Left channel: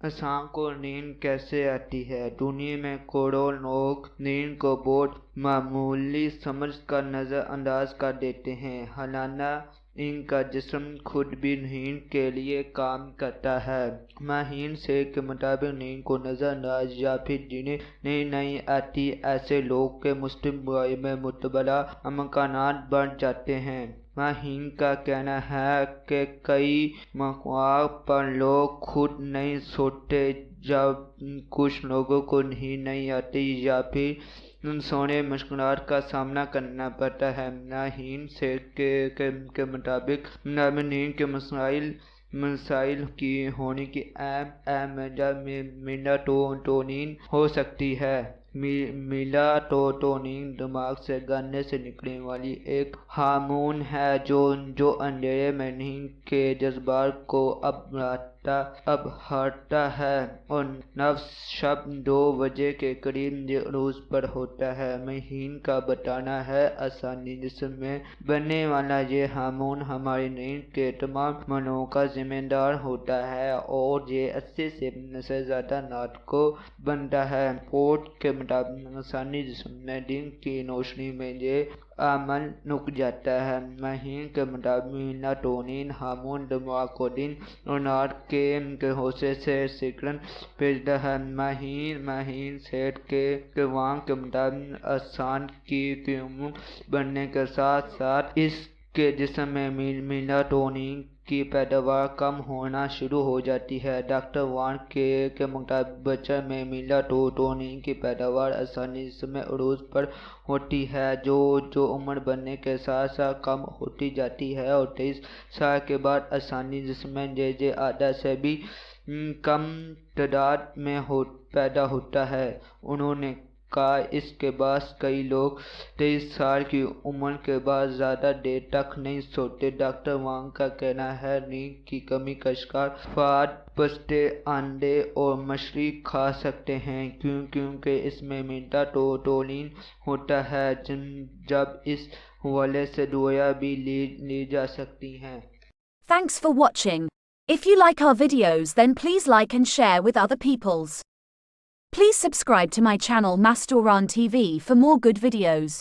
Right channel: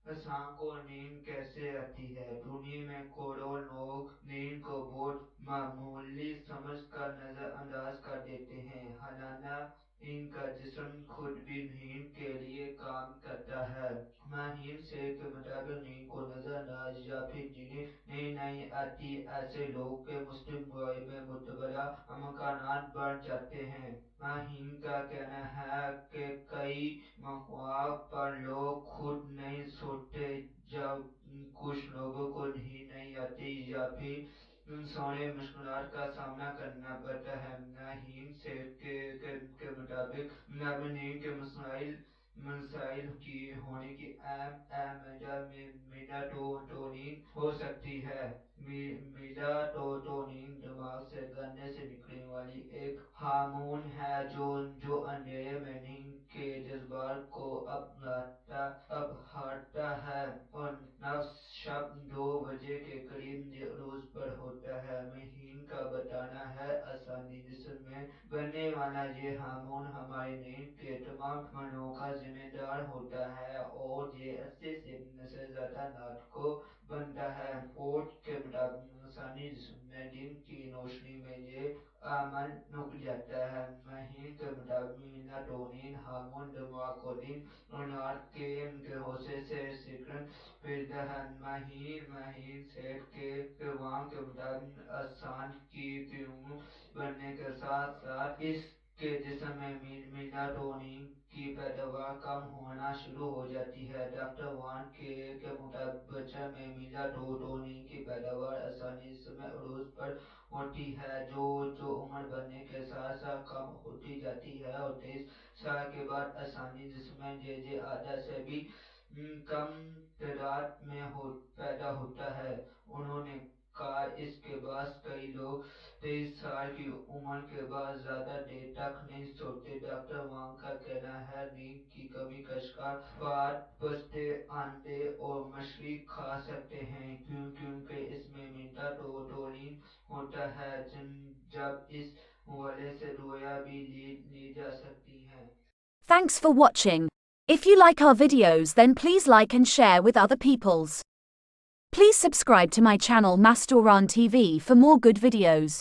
انسان کو نیند کیسے آتی ہے؟ دنیا میں کروڑوں لوگ نیند کو بہت معمولی سمجھ کر نظر انداز کر دیتے ہیں، حالانکہ ان کا جسم خود بھی نیند کے لیے کام کرتا ہے۔ ماہرین صحت کے مطابق نیند کو نظر انداز یا پھر جنہیں نیند نہیں آتی ایسے لوگوں کے مستقل برائی میں مبتلا امکانات بڑھ جاتے ہیں۔ ماہرین کا کہنا ہے کہ کئی مواقع پر لوگ خود نہیں سوتے جب کچھ لوگوں کو نیند نہیں آتی یا پھر سونے مشکلات کا سامنا کرنا پڑتا ہے۔ ماہرین صحت کے مطابق نیند کے مسائل کی ہونے کی اہم وجہ میلاٹونین ہو سکتی ہے۔ میلاٹونین دماغ سے گردن سے نکلنے والی ایک ہارمون ہے جو اندھیرے میں نیند کے جذبات کو ابھارتا ہے اور نصف شب 2 بجے کے قریب عروج پر ہوتا ہے۔ ماہرین کا بتانا ہے انسانی جسم میں بننے والا یہ ہارمون ہماری نیند کے تمام عملوں کا ذمہ دار ہوتا ہے اور یہ 80% سے زیادہ رات کو بنتا ہے۔ رپورٹ کے مطابق انسانی جسم میں دن کی روشنی میں یہ عمل رک جاتا ہے۔ ماہرین کے مطابق میلاٹونین ہارمون دماغ کو دن اور رات کے حصے سے سگنل بھیجتا ہے۔ ماہرین صحت کے قوام کے مطابق انسان کی عمر بڑھنے کے ساتھ ساتھ اس کے جسم میں میلاٹونین کی پیداوار کم ہونا شروع ہو جاتی ہے۔ ڈاکٹر وان کے مطابق بچوں میں میلاٹونین کی پیداوار انسانی جسم میں عروج پر ہوتی ہے جو عمر بڑھنے کے ساتھ ساتھ کم ہوتی جاتی ہے اور 23 سال کے بعد انسانی جسم میں یہ عادت سے بھی کم تعداد میں پیدا ہوتا ہے۔ انہوں نے کہا اس کے باعث کئی لوگ 23 سال کی عمر کے بعد زیادہ دیر تک نہیں سوتے۔ ڈاکٹر وانگ کا کہنا ہے نیند کی کمی کا شکار افراد پستے، انڈے اور مچھلی کھا سکتے ہیں کیونکہ اس میں میلاٹونین ہوتا ہے۔ جب اس حوالے سے دوائیاں بھی لی جا سکتی ہیں۔ Thanks for watching. If you like our videos then please like and share with other peoples. Please subscribe to my channel Mastoraan TV for more good videos.